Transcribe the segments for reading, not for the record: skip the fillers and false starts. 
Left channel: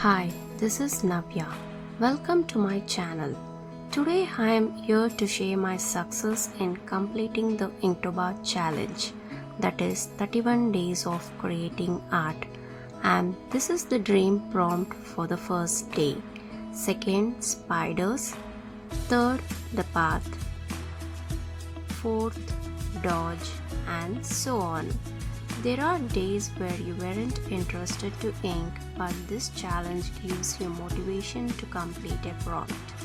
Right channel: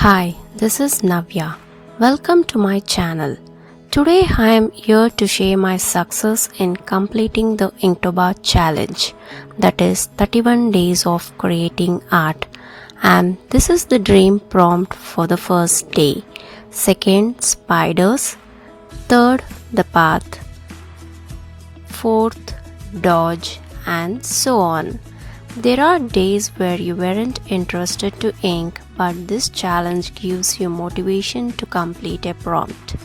Hi, this is Navya. Welcome to my channel. Today I am here to share my success in completing the Inktober challenge, that is 31 days of creating art. And this is the dream prompt for the first day. Second, spiders. Third, the path. Fourth, dodge, and so on. There are days where you weren't interested to ink, but this challenge gives you motivation to complete a prompt.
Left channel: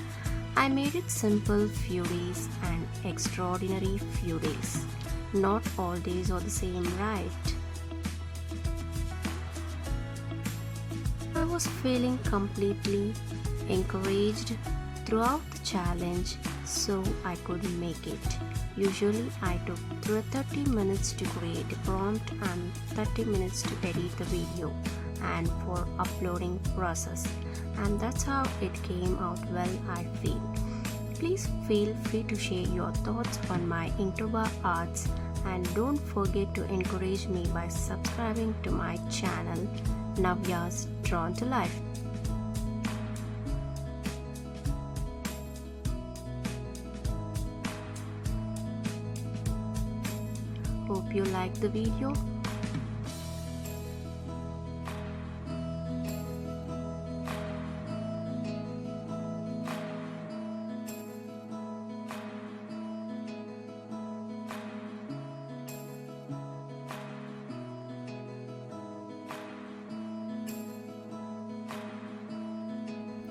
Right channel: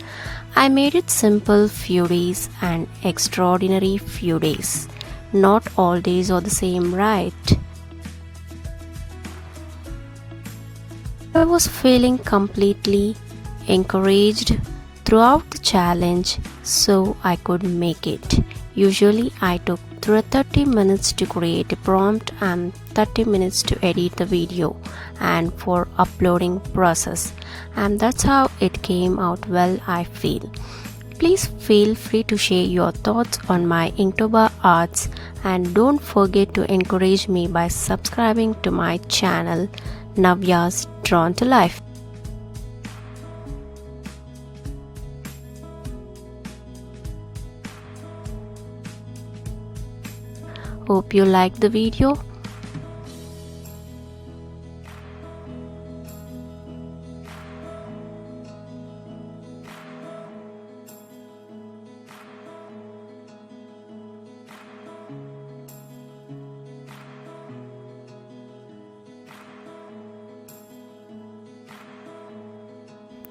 I made it simple few days and extraordinary few days. Not all days are the same, right? I was feeling completely encouraged throughout the challenge, so I could make it. Usually I took 30 minutes to create a prompt and 30 minutes to edit the video and for uploading process, and that's how it came out well, I feel. Please feel free to share your thoughts on my Inktober arts, and don't forget to encourage me by subscribing to my channel Navya's Drawn to Life. Hope you liked the video.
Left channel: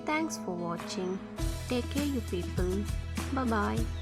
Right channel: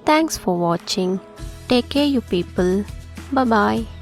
Thanks for watching. Take care, you people. Bye bye.